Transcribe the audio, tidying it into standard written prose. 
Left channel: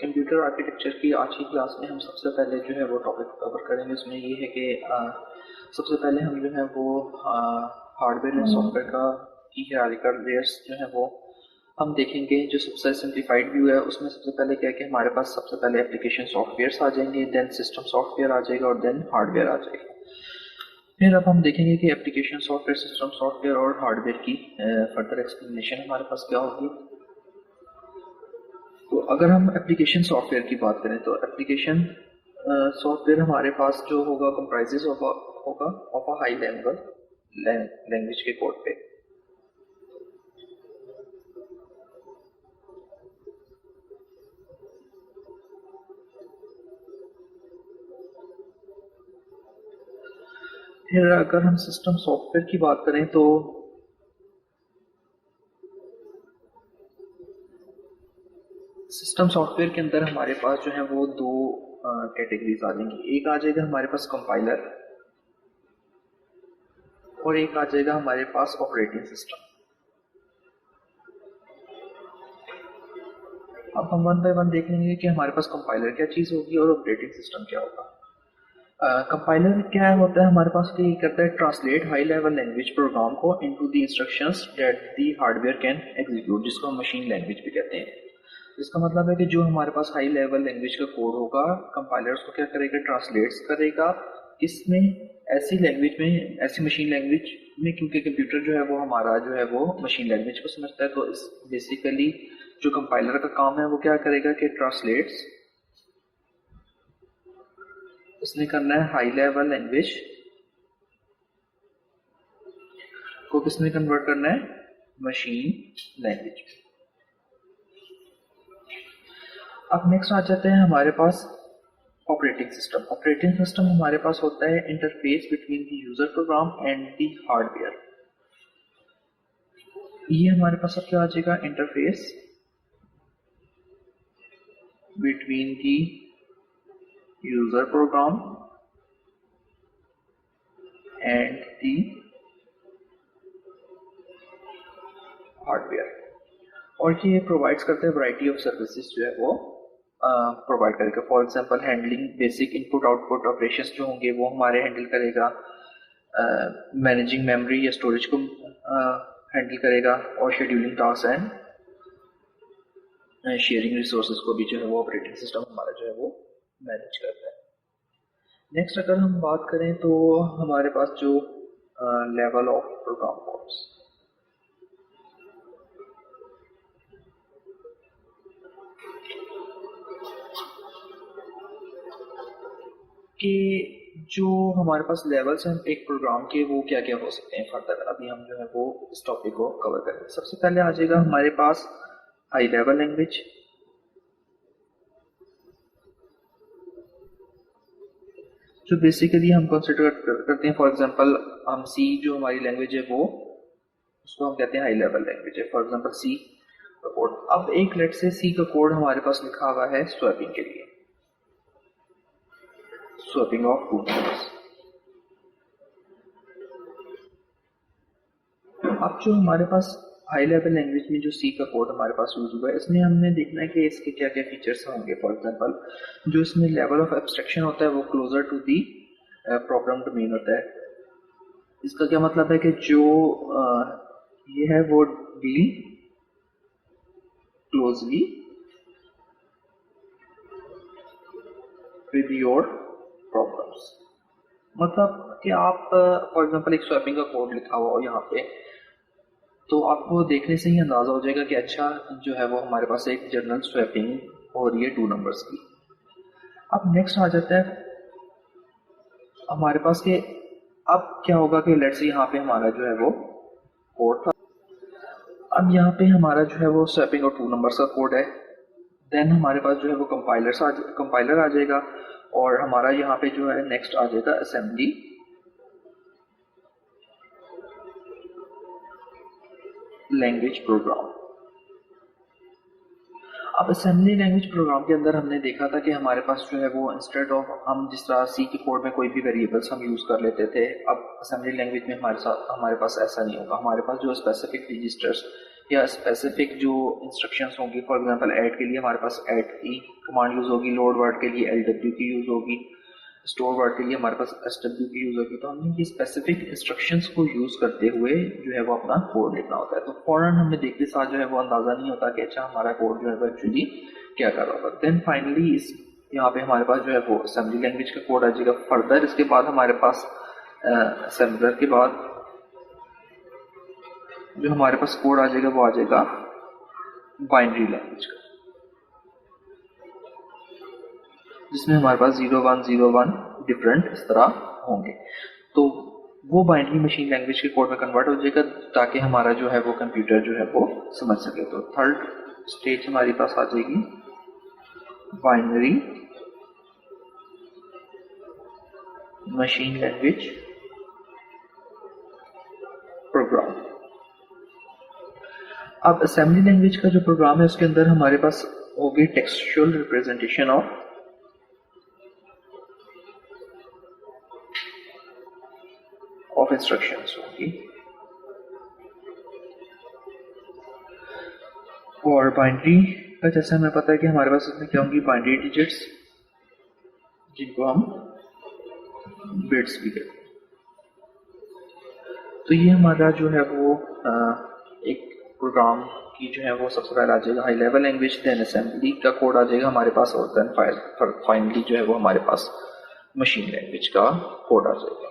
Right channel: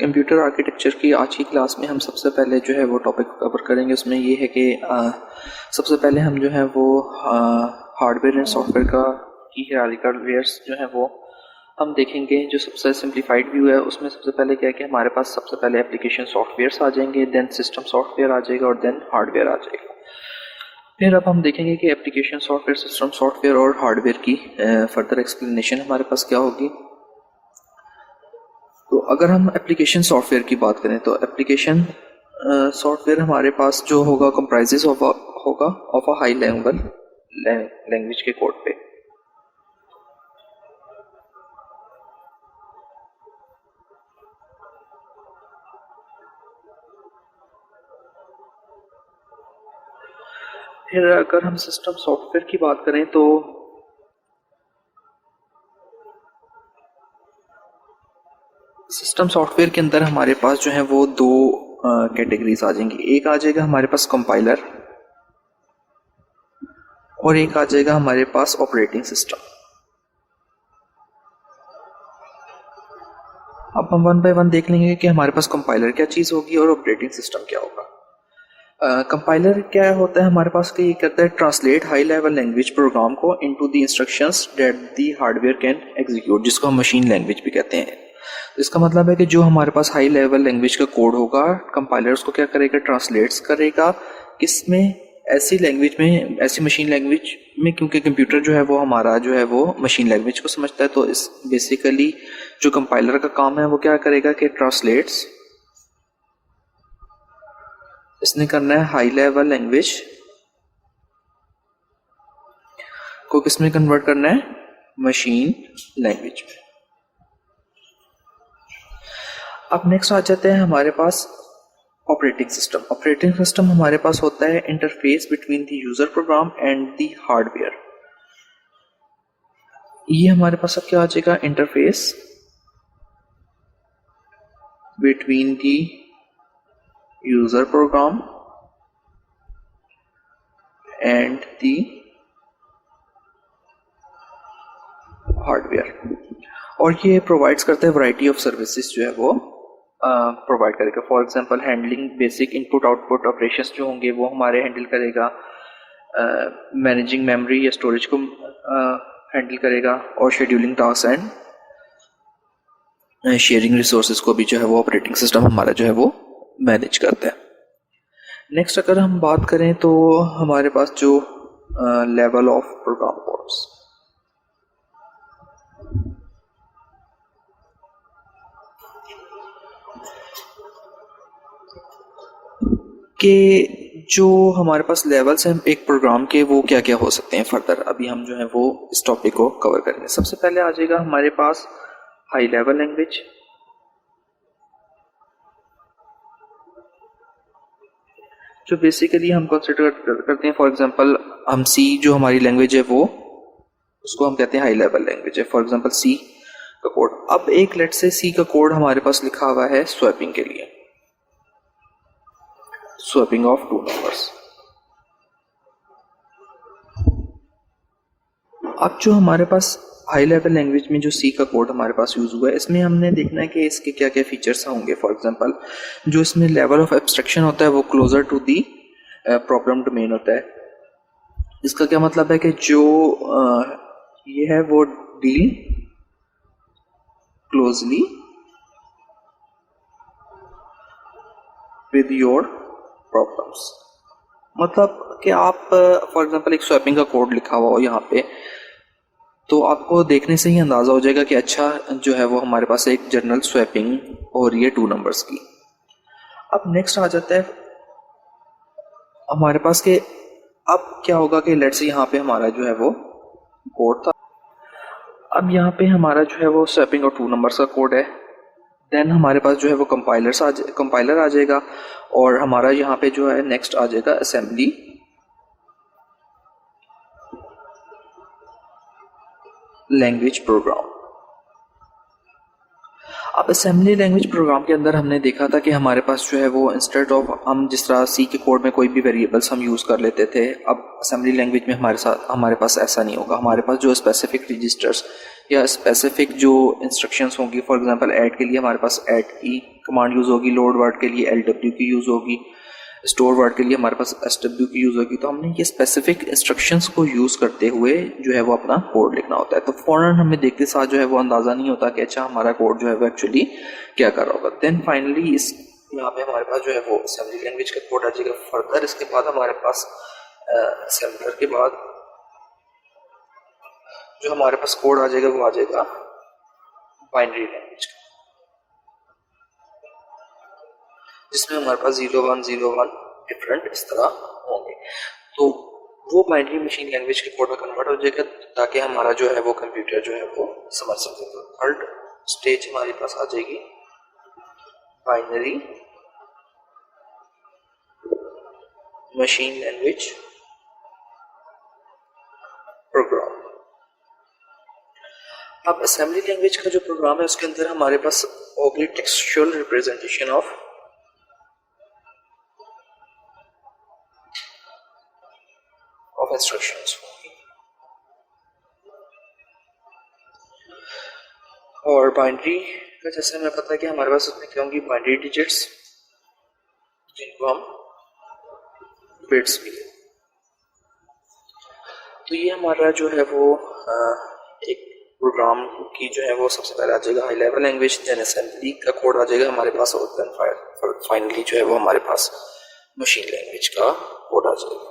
Computer architecture की आज की क्लास में हम सबसे पहले जो है वो टॉपिक कवर करेंगे। उसमें ये है कि सबसे पहले हम जो है वो हार्डवेयर एंड सॉफ्टवेयर की हायरार्किकल लेयर्स जो है वो हम देखेंगे। जो सबसे सिंप्लीफाइड व्यू है उसमें सबसे पहले क्या है कि हमारे पास सबसे पहले एप्लीकेशन सॉफ्टवेयर्स आ जाएंगे, देन सिस्टम सॉफ्टवेयर आ जाएगा और देन हार्डवेयर आ जाएगा। फिर अब हम देखेंगे कि एप्लीकेशन सॉफ्टवेयर, सिस्टम सॉफ्टवेयर और हार्डवेयर की फर्दर एक्सप्लेनेशन हमारे पास क्या होगी। तो अगर हम एप्लीकेशन सॉफ्टवेयर की बात करें तो एप्लीकेशन सॉफ्टवेयर हमारे पास जो होगा कंप्राइजेस होगा of a high level language के कोड पे। फिर अगर हम सिस्टम सॉफ्टवेयर की बात करें तो सिस्टम सॉफ्टवेयर के अंदर हमारे पास जो है वो दो कैटेगरीज आ जाएंगी। एक आ जाएगा हमारे पास कंपाइलर और एक आ जाएगा हमारे पास ऑपरेटिंग सिस्टम। अब हम वन बाय वन देख लेंगे कि हमारे पास कंपाइलर क्या चीज़ होगी और ऑपरेटिंग सिस्टम क्या होगा। कंपाइलर क्या होता है हमारे पास कि ये करता है translate high level language program को into the instructions that the hardware can execute, जिसको हम मशीन लैंग्वेज भी कहते हैं। इसका मतलब है कि जो हमारे पास हाई लेवल लैंग्वेज का कोड होगा, कंपाइलर उसको क्या करेगा, ट्रांसलेट्स करेगा किसमें, ऐसी लैंग्वेज में, ऐसी मशीन लैंग्वेज में, क्योंकि कंप्यूटर जो है वो हमारा जो है वो मशीन लैंग्वेज को समझता है। तो इस बेसिकली जो कंपाइलर का काम है वो क्या करेगा कि ट्रांसलेट्स, इसने करना है हाई लेवल लैंग्वेज को किसमें कन्वर्ट करना है, मशीन लैंग्वेज में। अब नेक्स्ट आ जाते हैं हमारे पास ऑपरेटिंग सिस्टम। ऑपरेटिंग सिस्टम हमारे पास होता है interface between the user program and the hardware. ये हमारे पास अब क्या आ जाएगा, interface between the user program and the hardware. और ये प्रोवाइड्स करता है वैरायटी ऑफ सर्विसेज जो है वो प्रोवाइड करेगा। For example handling basic input output operations जो होंगे वो हमारे हैंडल करेगा, मैनेजिंग मेमोरी या स्टोरेज को हैंडल करेगा, और scheduling task and sharing resources को भी जो है वो ऑपरेटिंग सिस्टम हमारा जो है वो मैनेज करता है। नेक्स्ट अगर हम बात करें तो हमारे पास जो लेवल ऑफ प्रोग्राम कोड्स के जो हमारे पास लेवल्स हैं एक प्रोग्राम के, वो क्या क्या हो सकते हैं फर्दर, अभी हम जो है वो इस टॉपिक को कवर करेंगे। सबसे पहले आ जाएगा हमारे पास हाई लेवल लैंग्वेज, जो बेसिकली हम कंसिडर करते हैं। फॉर एग्जांपल हम सी जो हमारी लैंग्वेज है वो, उसको हम कहते हैं हाई लेवल लैंग्वेज है। फॉर एग्जांपल सी का कोड, अब एक लेट से सी का कोड हमारे पास लिखा हुआ है स्वैपिंग के लिए, स्वैपिंग ऑफ टू नंबर्स। अब जो हमारे पास हाई लेवल लैंग्वेज में जो सी का कोड हमारे पास यूज हुआ है, इसमें हमने देखना है कि इसके क्या क्या फीचर्स होंगे। फॉर एग्जांपल जो इसमें लेवल ऑफ एब्स्ट्रैक्शन होता है वो closer to the problem domain होता है। इसका क्या मतलब है कि जो ये है वो deal closely with your problems. मतलब कि आप फॉर एग्जांपल एक स्वैपिंग का कोड लिखा हुआ हो यहाँ पे, तो आपको देखने से ही अंदाज़ा हो जाएगा कि अच्छा जो है वो हमारे पास एक जनरल स्वैपिंग हो रही है टू नंबर्स की। अब नेक्स्ट आ जाता है हमारे पास के अब क्या होगा कि लेट्स से यहाँ पे हमारा जो है वो कोड था, अब यहाँ पे हमारा जो है वो स्वैपिंग और टू नंबर्स का कोड है। देन हमारे पास जो है वो कंपाइलर आ जाएगा, और हमारा यहाँ पे जो है नेक्स्ट आ जाएगा असेंबली लैंग्वेज प्रोग्राम। अब असेंबली लैंग्वेज प्रोग्राम के अंदर हमने देखा था कि हमारे पास जो है वो इंस्टेड ऑफ हम जिस तरह सी के कोड में कोई भी वेरिएबल्स हम यूज़ कर लेते थे, अब असेंबली लैंग्वेज में हमारे पास ऐसा नहीं होगा। हमारे पास जो स्पेसिफिक रजिस्टर्स या स्पेसिफिक जो इंस्ट्रक्शंस होंगी, फॉर एग्जांपल ऐड के लिए हमारे पास ऐड की कमांड यूज़ होगी, लोड वर्ड के लिए LW की यूज़ होगी, स्टोर वर्ड के लिए हमारे पास SW की यूज़ होगी। तो हमने ये स्पेसिफिक इंस्ट्रक्शंस को यूज़ करते हुए जो है वो अपना कोड लिखना होता है। तो फ़ौरन हमें देखते साथ जो है वो अंदाज़ा नहीं होता कि अच्छा हमारा कोड जो है वो एक्चुअली क्या कर रहा होगा। देन फाइनली इस यहाँ पे हमारे पास जो है वो असेंबली लैंग्वेज का कोड आ जाएगा। फर्दर इसके बाद हमारे पास असेंबलर के बाद जो हमारे पास कोड आ जाएगा वो आ जाएगा बाइनरी लैंग्वेज का, जिसमें हमारे पास 0101 डिफरेंट इस तरह होंगे। तो वो बाइनरी मशीन लैंग्वेज के कोड में कन्वर्ट हो जाएगा ताकि हमारा जो है वो कंप्यूटर जो है वो समझ सके। तो थर्ड स्टेज हमारे पास आ जाएगी बाइनरी मशीन लैंग्वेज प्रोग्राम। अब असेंबली लैंग्वेज का जो प्रोग्राम है उसके अंदर हमारे पास होगी टेक्सचुअल रिप्रेजेंटेशन ऑफ इंस्ट्रक्शंस होगी, और बाइनरी का जैसा हमें पता है कि हमारे पास उसमें क्या होंगी, बाइनरी डिजिट्स जिनको हम बिट्स भी कहते हैं। तो ये हमारा जो है वो एक प्रोग्राम की जो है वो सबसे पहले आ जाएगा high level language, then assembly का कोड आ जाएगा हमारे पास, और देन फाइनली जो है वो हमारे पास मशीन लैंग्वेज का कोड आ जाएगा।